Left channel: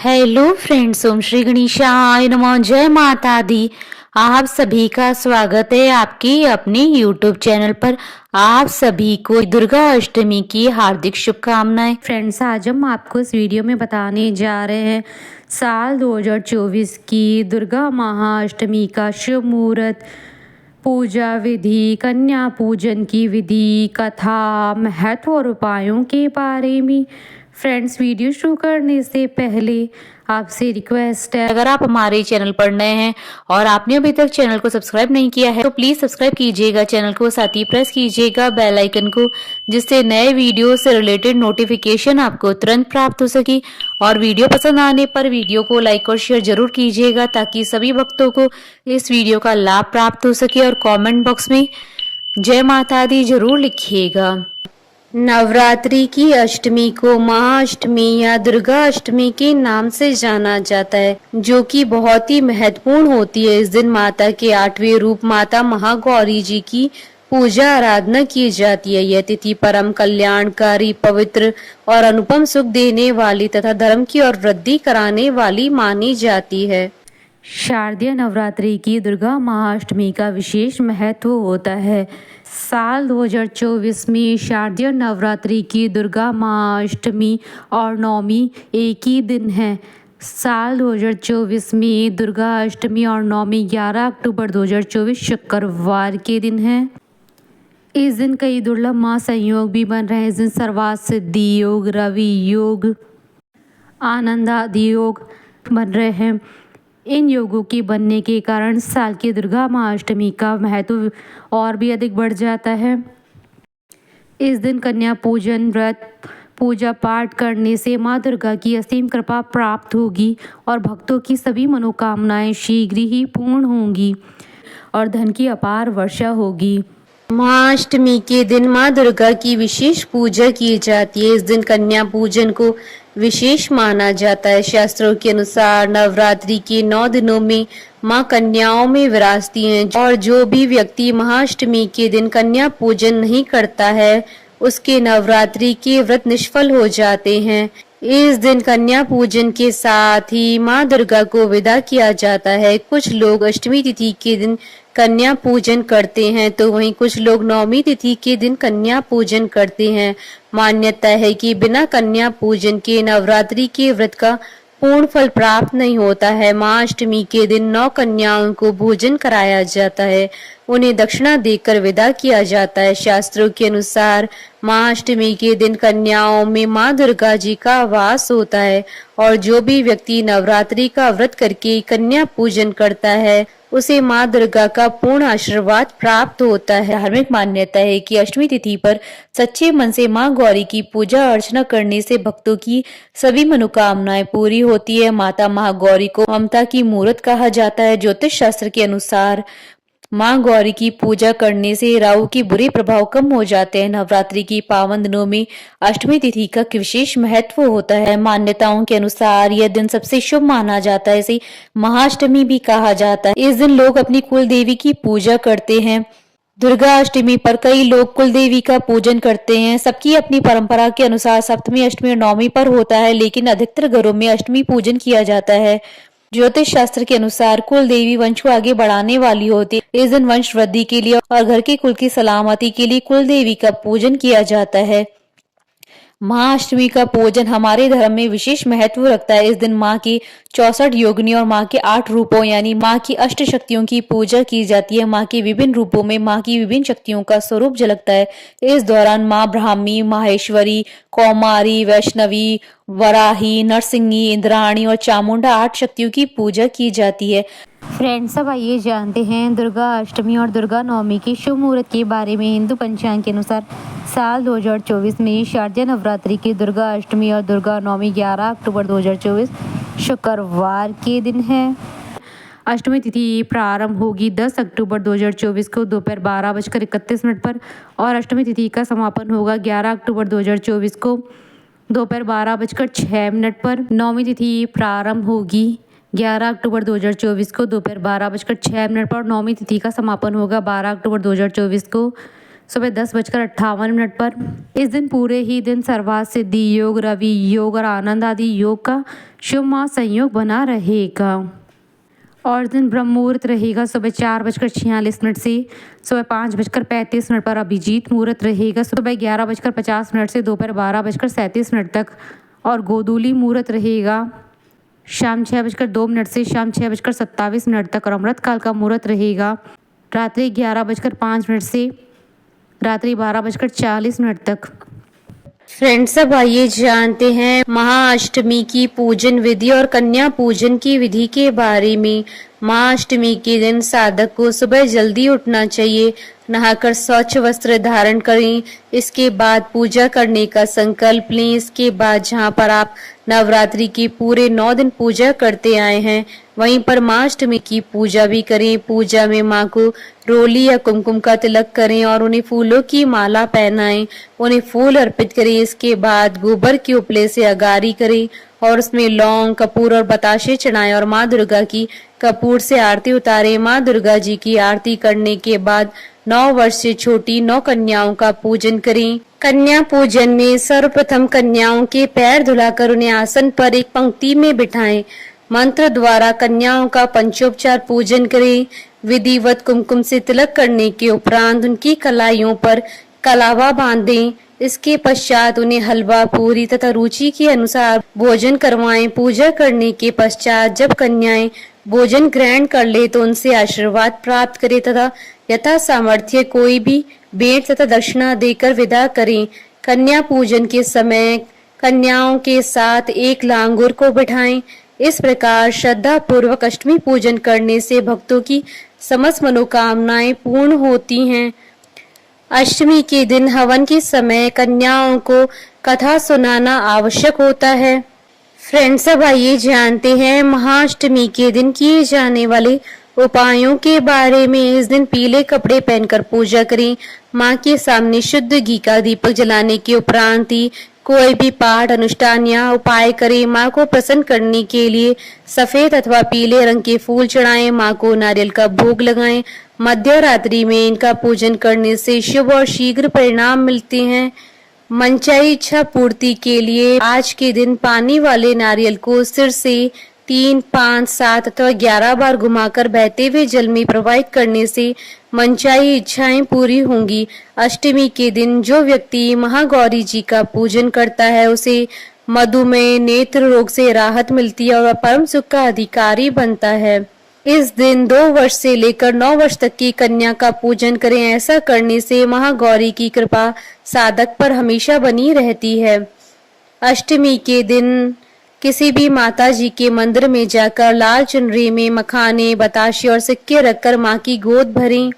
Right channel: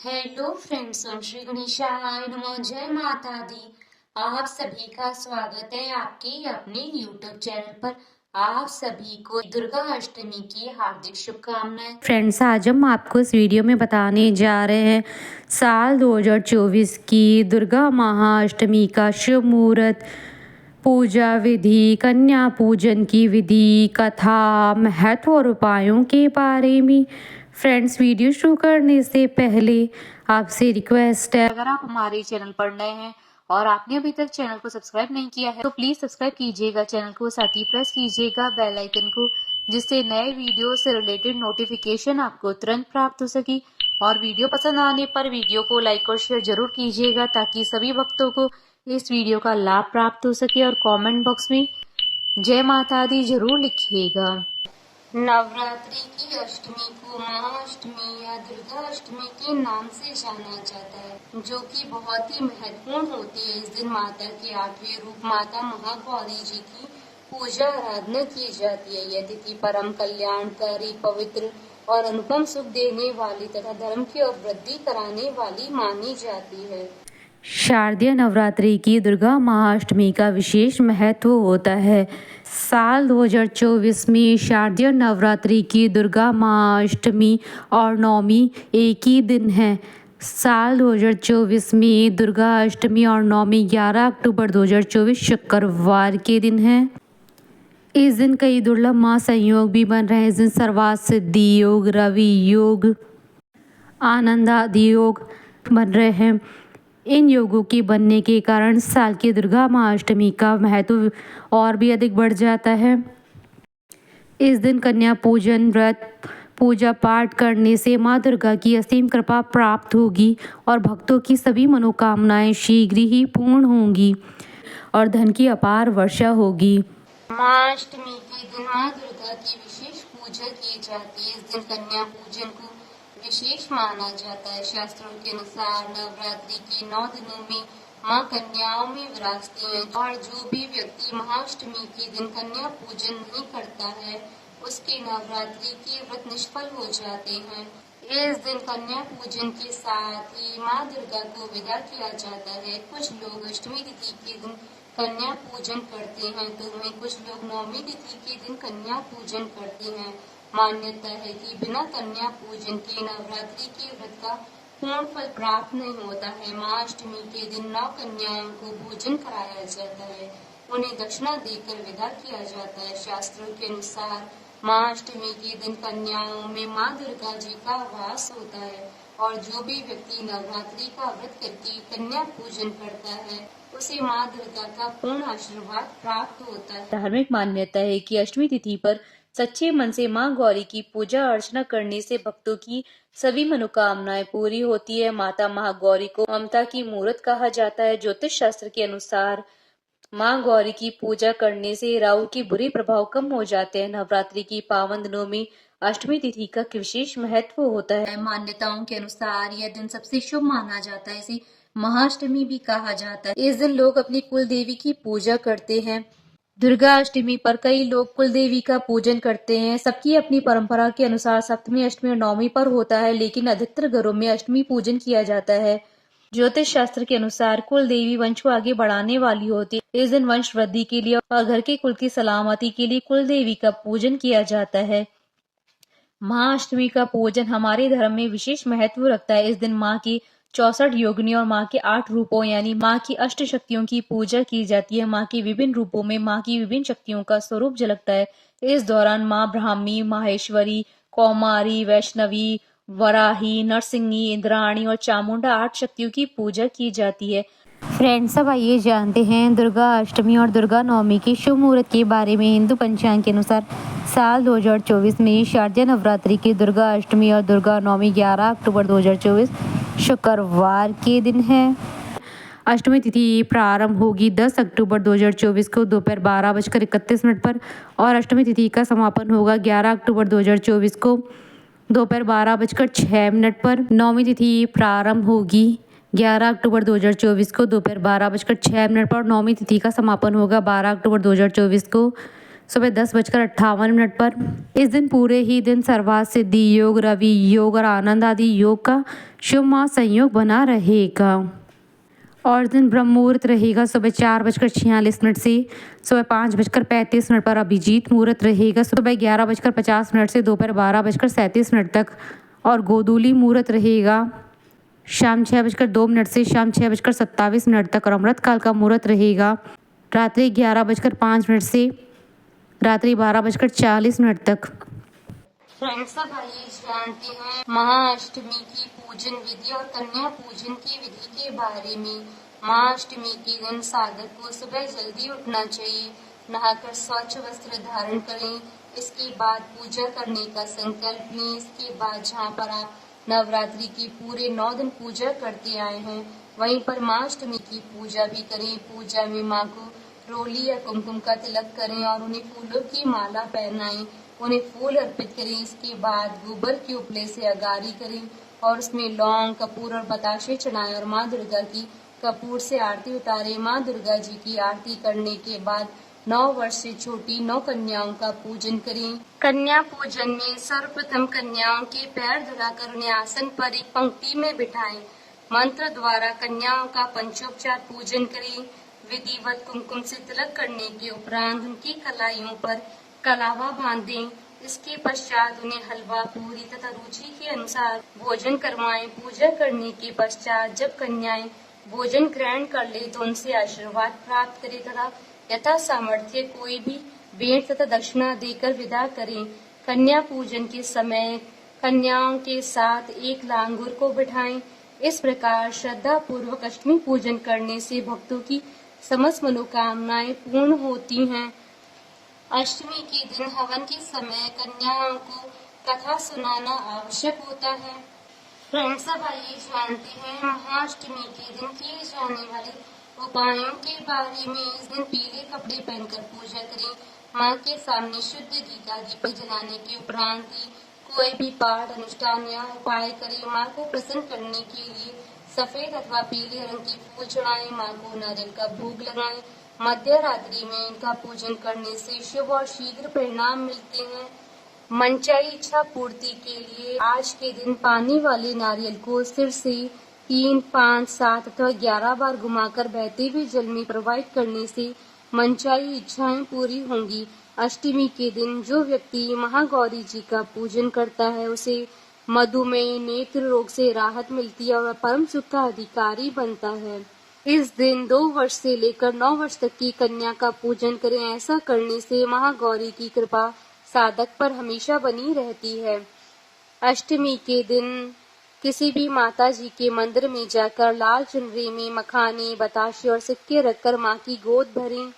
Hello friends, ओम श्री गणेशाय नमः। जय माता दी। आप सभी का स्वागत है आपके अपने यूट्यूब चैनल पर। आप सभी को दुर्गा अष्टमी की हार्दिक शुभकामनाएं। फ्रेंड्स, आज हम आपको इस वीडियो में बताने जा रहे हैं साल 2024 की दुर्गा महाअष्टमी का शुभ मुहूर्त, पूजा विधि, कन्या पूजन की विधि, कथा, महत्व और उपायों के बारे में। फ्रेंड्स, वीडियो शुरू करने से पहले आपसे रिक्वेस्ट है, अगर आप हमारे चैनल पर नए हैं और आपने अभी तक चैनल को सब्सक्राइब नहीं किया है तो प्लीज सब्सक्राइब कीजिएगा चैनल को, साथ ही प्रेस कीजिएगा बेल आइकन को, जिससे नए वीडियो से रिलेटेड नोटिफिकेशन आपको तुरंत प्राप्त हो सके। और वीडियो पसंद आने पर वीडियो को लाइक और शेयर जरूर कीजिएगा ताकि सभी भक्तों को इस वीडियो का लाभ प्राप्त हो सके। और कमेंट बॉक्स में जय माता दी जरूर लिखिएगा। नवरात्रि की अष्टमी को महाअष्टमी या दुर्गा अष्टमी के नाम से जाना जाता है, जो कि बहुत ही महत्वपूर्ण होती है। इस दिन माता के 8वें रूप माता महागौरी जी की पूजा आराधना की जाती है। यह तिथि परम कल्याणकारी, पवित्र और अनुपम सुख देने वाली तथा धर्म की और वृद्धि कराने वाली मानी जाती है। शारदीय नवरात्रि की दुर्गा महाअष्टमी का विशेष महत्व होता है। साल 2024 में शारदीय नवरात्रि की दुर्गा महाअष्टमी और नवमी एक ही दिन है। साल 2024 में दुर्गा अष्टमी और नवमी 11 अक्टूबर 2024 शुक्रवार के दिन है। इस दिन कई दुर्लभ महासंयोग भी बन रहे हैं। इस दिन सर्वार्थ सिद्धि योग, रवि योग, आनंद आदि योग बन रहे हैं। इन योगों के बनने के कारण साल की दुर्गा महाअष्टमी का महत्व और भी अधिक बढ़ जाता है। इस दिन कन्या पूजन, व्रत, पूजा पाठ करने से माँ दुर्गा की असीम कृपा प्राप्त होगी और भक्तों की सभी मनोकामनाएं शीघ्र ही पूर्ण होंगी और धन की अपार वर्षा होगी। महाअष्टमी के दिन माँ दुर्गा की विशेष पूजा की जाती है। इस दिन कन्या पूजन को विशेष माना जाता है। शास्त्रों के अनुसार नवरात्रि के 9 दिनों में माँ कन्याओं में विराजती हैं और जो भी व्यक्ति महाअष्टमी के दिन कन्या पूजन नहीं करता है उसके नवरात्रि के व्रत निष्फल हो जाते हैं। इस दिन कन्या पूजन के साथ ही माँ दुर्गा को विदा किया जाता है। कुछ लोग अष्टमी तिथि के दिन कन्या पूजन करते हैं तो वहीं कुछ लोग नवमी तिथि के दिन कन्या पूजन करते हैं। मान्यता है कि बिना कन्या पूजन के नवरात्रि के व्रत का पूर्ण फल प्राप्त नहीं होता है। महाअष्टमी के दिन 9 कन्याओं को भोजन कराया जाता है, उन्हें दक्षिणा देकर विदा किया जाता है। शास्त्रों के अनुसार महाअष्टमी के दिन कन्याओं में माँ दुर्गा जी का वास होता है और जो भी व्यक्ति नवरात्रि का व्रत करके कन्या पूजन करता है उसे माँ दुर्गा का पूर्ण आशीर्वाद प्राप्त होता है। धार्मिक मान्यता है कि अष्टमी तिथि पर सच्चे मन से माँ गौरी की पूजा अर्चना करने से भक्तों की सभी मनोकामनाएं पूरी होती है। माता महागौरी को ममता की मूर्त कहा जाता है। ज्योतिष शास्त्र के अनुसार माँ गौरी की पूजा करने से राहु के बुरे प्रभाव कम हो जाते हैं। नवरात्रि की पावन दिनों में अष्टमी तिथि का विशेष महत्व होता है। मान्यताओं के अनुसार यह दिन सबसे शुभ माना जाता है, इसे महाअष्टमी भी कहा जाता है। इस दिन लोग अपनी कुल देवी की पूजा करते हैं। दुर्गा अष्टमी पर कई लोग कुल देवी का पूजन करते हैं। सबकी अपनी परंपरा के अनुसार सप्तमी, अष्टमी और नवमी पर होता है, लेकिन अधिकतर घरों में अष्टमी पूजन किया जाता है। ज्योतिष शास्त्र के अनुसार कुल देवी वंश को आगे बढ़ाने वाली होती है। इस दिन वंश वृद्धि के लिए और घर के कुल की सलामती के लिए कुल देवी का पूजन किया जाता है। महाअष्टमी का पूजन हमारे धर्म में विशेष महत्व रखता है। इस दिन माँ की 64 योगिनी और माँ के 8 रूपों यानी माँ की अष्ट शक्तियों की पूजा की जाती है। माँ के विभिन्न रूपों में माँ की विभिन्न शक्तियों का स्वरूप झलकता है। इस दौरान माँ ब्राह्मी, माहेश्वरी, कौमारी, वैष्णवी, वराही, नरसिंही, इंद्राणी और चामुंडा 8 शक्तियों की पूजा की जाती है। फ्रेंड्स, अब आइए जानते हैं दुर्गा अष्टमी और दुर्गा नवमी के शुभ मुहूर्त के बारे में। हिंदू पंचांग के अनुसार साल 2024 में शारदीय नवरात्रि की दुर्गा अष्टमी और दुर्गा नवमी 11 अक्टूबर 2024 शुक्रवार के दिन है। अष्टमी तिथि प्रारंभ होगी 10 अक्टूबर 2024 को दोपहर 12:31 पर और अष्टमी तिथि का समापन होगा 11 अक्टूबर 2024 को दोपहर 12:06 पर। नवमी तिथि प्रारंभ होगी 11 अक्टूबर 2024 को दोपहर 12:06 पर। नवमी तिथि का समापन होगा 12 अक्टूबर 2024 को सुबह 10:58 पर। इस दिन पूरे ही दिन सर्वार्थ सिद्धि योग, रवि योग और आनंद आदि योग का शुभ महासंयोग बना रहेगा। और दिन ब्रह्म मुहूर्त रहेगा सुबह 4:46 से सुबह 5:35 पर। अभिजीत मुहूर्त रहेगा सुबह 11:50 से दोपहर 12:37 तक। और गोधूली मुहूर्त रहेगा शाम 6:02 से शाम 6:27 तक। और अमृत काल का मुहूर्त रहेगा रात्रि 11:05 से रात्रि 12:40 तक। फ्रेंड्स, अब आइए जानते हैं महाअष्टमी की पूजन विधि और कन्या पूजन की विधि के बारे में। महाअष्टमी के दिन साधक को सुबह जल्दी उठना चाहिए, नहाकर स्वच्छ वस्त्र धारण करें। इसके बाद पूजा करने का संकल्प लें। इसके बाद जहां पर आप नवरात्रि के पूरे 9 दिन पूजा करते आए हैं, वहीं पर महाअष्टमी की पूजा भी करें। पूजा में माँ को रोली या कुमकुम का तिलक करें और उन्हें फूलों की माला पहनाएं, उन्हें फूल अर्पित करें। इसके बाद गोबर के उपले से अगारी करें और उसमें लौंग, कपूर और बताशे चढ़ाएं और माँ दुर्गा की कपूर से आरती उतारें। माँ दुर्गा जी की आरती करने के बाद 9 वर्ष से छोटी 9 कन्याओं का पूजन करें। कन्या पूजन में सर्वप्रथम कन्याओं के पैर धुलाकर उन्हें आसन पर एक पंक्ति में बिठाएं। मंत्र द्वारा कन्याओं का पंचोपचार पूजन करें। विधिवत कुमकुम से तिलक करने के उपरांत उनकी कलाइयों पर कलावा बांधें। इसके पश्चात उन्हें हलवा, पूरी तथा रुचि के अनुसार भोजन करवाएं। पूजा करने के पश्चात जब कन्याएं भोजन ग्रहण कर ले तो उनसे आशीर्वाद प्राप्त करें तथा यथा सामर्थ्य कोई भी भेंट तथा दक्षिणा देकर विदा करें। कन्या पूजन के समय कन्याओं के साथ एक लांगुर को बिठाएं। इस प्रकार श्रद्धा पूर्वक अष्टमी पूजन करने से भक्तों की समस्त मनोकामनाएं पूर्ण होती हैं। अष्टमी के दिन हवन के समय कन्याओं को कथा सुनाना आवश्यक होता है। फ्रेंड्स, अब आइए जानते हैं महाअष्टमी के दिन किए जाने वाले उपायों के बारे में। इस दिन पीले कपड़े पहनकर पूजा करें। माँ के सामने शुद्ध घी का दीपक जलाने के उपरांत ही कोई भी पाठ, अनुष्ठान या उपाय करें। माँ को प्रसन्न करने के लिए सफेद अथवा पीले रंग के फूल चढ़ाएं। माँ को नारियल का भोग लगाएं। मध्य रात्रि में इनका पूजन करने से शुभ और शीघ्र परिणाम मिलते हैं। मनचाही इच्छा पूर्ति के लिए आज के दिन पानी वाले नारियल को सिर से 3, 5, 7 अथवा 11 बार घुमाकर बहते हुए जल में प्रवाहित करने से मनचाही इच्छाएं पूरी होंगी। अष्टमी के दिन जो व्यक्ति महागौरी जी का पूजन करता है उसे मधुमेह, नेत्र रोग से राहत मिलती है और वह परम सुख का अधिकारी बनता है। इस दिन 2 वर्ष से लेकर 9 वर्ष तक की कन्या का पूजन करें। ऐसा करने से महागौरी की कृपा साधक पर हमेशा बनी रहती है। अष्टमी के दिन किसी भी माता जी के मंदिर में जाकर लाल चुनरी में मखाने, बताशे और सिक्के रखकर माँ की गोद भरें।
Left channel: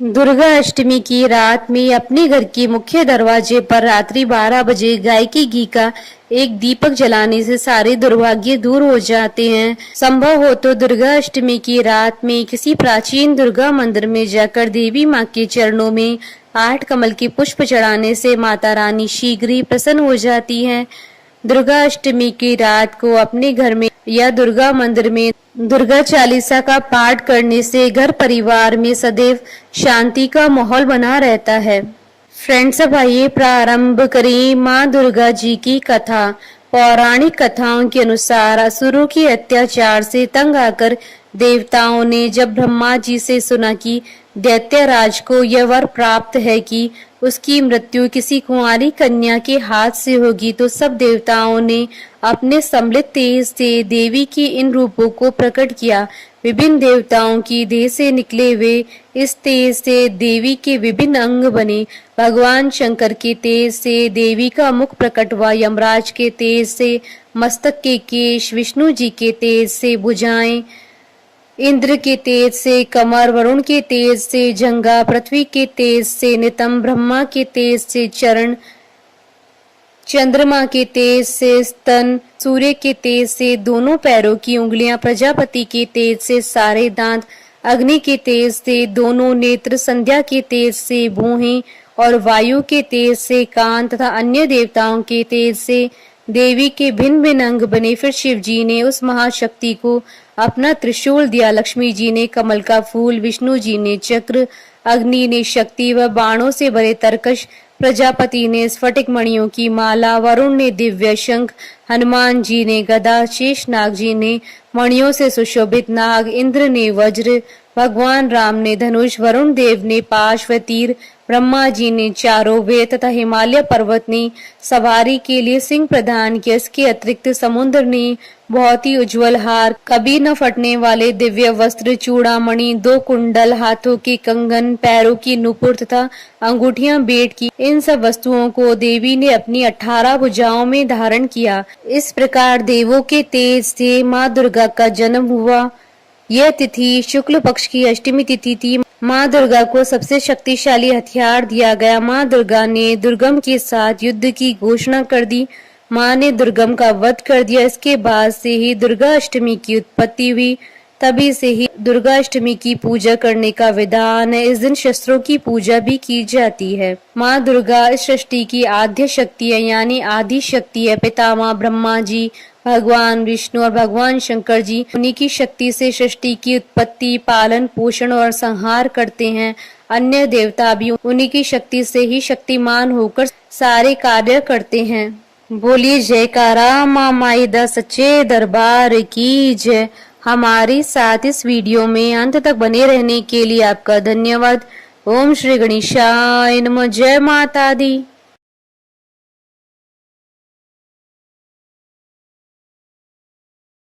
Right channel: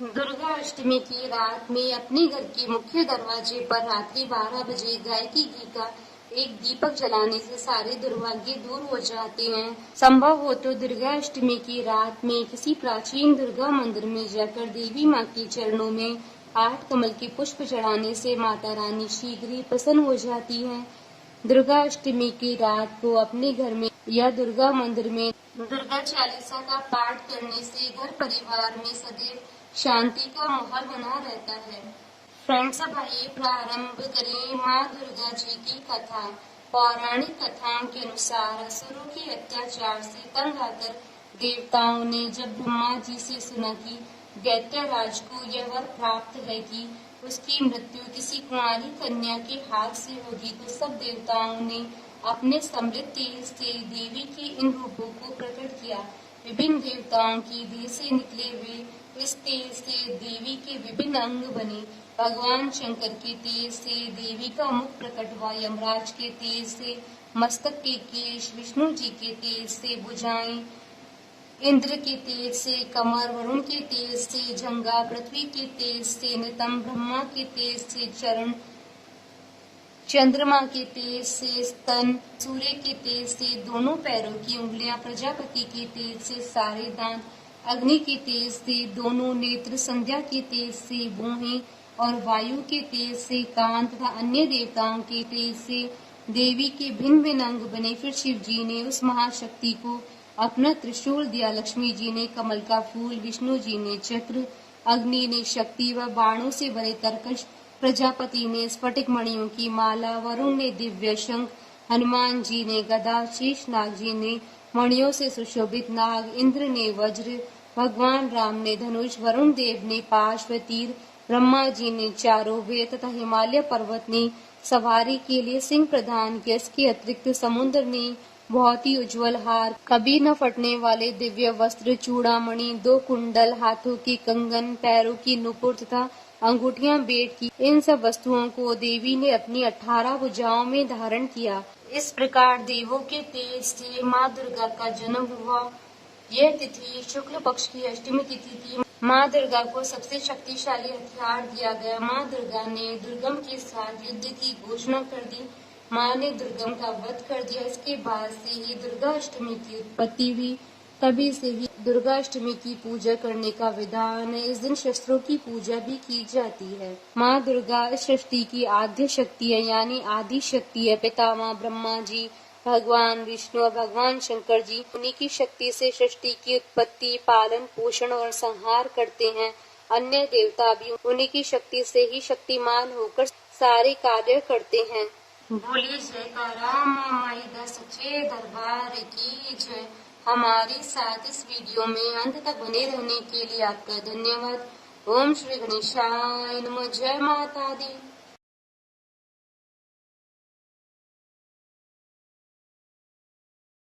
दुर्गा अष्टमी की रात में अपने घर के मुख्य दरवाजे पर रात्रि 12 बजे गाय के घी का एक दीपक जलाने से सारे दुर्भाग्य दूर हो जाते हैं। संभव हो तो दुर्गा अष्टमी की रात में किसी प्राचीन दुर्गा मंदिर में जाकर देवी माँ के चरणों में 8 कमल के पुष्प चढ़ाने से माता रानी शीघ्र ही प्रसन्न हो जाती है। दुर्गा अष्टमी की रात को अपने घर में या दुर्गा मंदिर में दुर्गा चालीसा का पाठ करने से घर परिवार में सदैव शांति का माहौल बना रहता है। फ्रेंड्स, अब आइए प्रारंभ करें माँ दुर्गा जी की कथा। पौराणिक कथाओं के अनुसार असुरों के अत्याचार से तंग आकर देवताओं ने जब ब्रह्मा जी से सुना कि दैत्यराज को यह वर प्राप्त है कि उसकी मृत्यु किसी कुंवारी कन्या के हाथ से होगी, तो सब देवताओं ने अपने सम्मिलित तेज से देवी के इन रूपों को प्रकट किया। विभिन्न देवताओं की देह से निकले हुए इस तेज से देवी के विभिन्न अंग बने। भगवान शंकर के तेज से देवी का मुख प्रकट हुआ, यमराज के तेज से मस्तक के केश, विष्णु जी के तेज से भुजाएं, इंद्र के तेज से कमर, वरुण के तेज से जंघा, पृथ्वी के तेज से नितंब, ब्रह्मा के तेज से चरण, चंद्रमा के तेज से स्तन, सूर्य के तेज से दोनों पैरों की उंगलियां, प्रजापति के तेज से सारे दांत, अग्नि के तेज से दोनों नेत्र, संध्या के तेज से भौहें और वायु के तेज से कान तथा अन्य देवताओं के तेज से देवी के भिन्न भिन्न अंग बने। फिर शिव जी ने उस महाशक्ति को अपना त्रिशूल दिया, लक्ष्मी जी ने कमल का फूल, विष्णु जी ने चक्र, अग्नि ने शक्ति व बाणों से भरे तरकश, प्रजापति ने स्फटिक मणियों की माला, वरुण ने दिव्य शंख, हनुमान जी ने गदा, शेषनाग जी ने मणियों से सुशोभित नाग, इंद्र ने वज्र, भगवान राम ने धनुष, वरुण देव ने पाश व तीर, ब्रह्मा जी ने चारों वेद तथा हिमालय पर्वत ने सवारी के लिए सिंह प्रदान किया। इसके अतिरिक्त समुद्र ने बहुत ही उज्जवल हार, कभी न फटने वाले दिव्य वस्त्र, चूड़ामणि, 2 कुंडल, हाथों के कंगन, पैरों की नुपुर तथा अंगूठियां भेंट की। इन सब वस्तुओं को देवी ने अपनी 18 भुजाओं में धारण किया। इस प्रकार देवों के तेज से माँ दुर्गा का जन्म हुआ। यह तिथि शुक्ल पक्ष की अष्टमी तिथि थी। माँ दुर्गा को सबसे शक्तिशाली हथियार दिया गया। माँ दुर्गा ने दुर्गम के साथ युद्ध की घोषणा कर दी। माँ ने दुर्गम का वध कर दिया। इसके बाद से ही दुर्गा अष्टमी की उत्पत्ति हुई। तभी से ही दुर्गा अष्टमी की पूजा करने का विधान है। इस दिन शस्त्रों की पूजा भी की जाती है। माँ दुर्गा इस सृष्टि की आद्य शक्ति है, यानी आदि शक्ति है। पितामह ब्रह्मा जी, भगवान विष्णु और भगवान शंकर जी उन्हीं की शक्ति से सृष्टि की उत्पत्ति, पालन, पोषण और संहार करते हैं। अन्य देवता भी उन्हीं की शक्ति से ही शक्तिमान होकर सारे कार्य करते हैं। बोलिए जयकारा माँ माई दा सच्चे दरबार की जय। हमारे साथ इस वीडियो में अंत तक बने रहने के लिए आपका धन्यवाद। ओम श्री गणेशाय नमः। जय माता दी।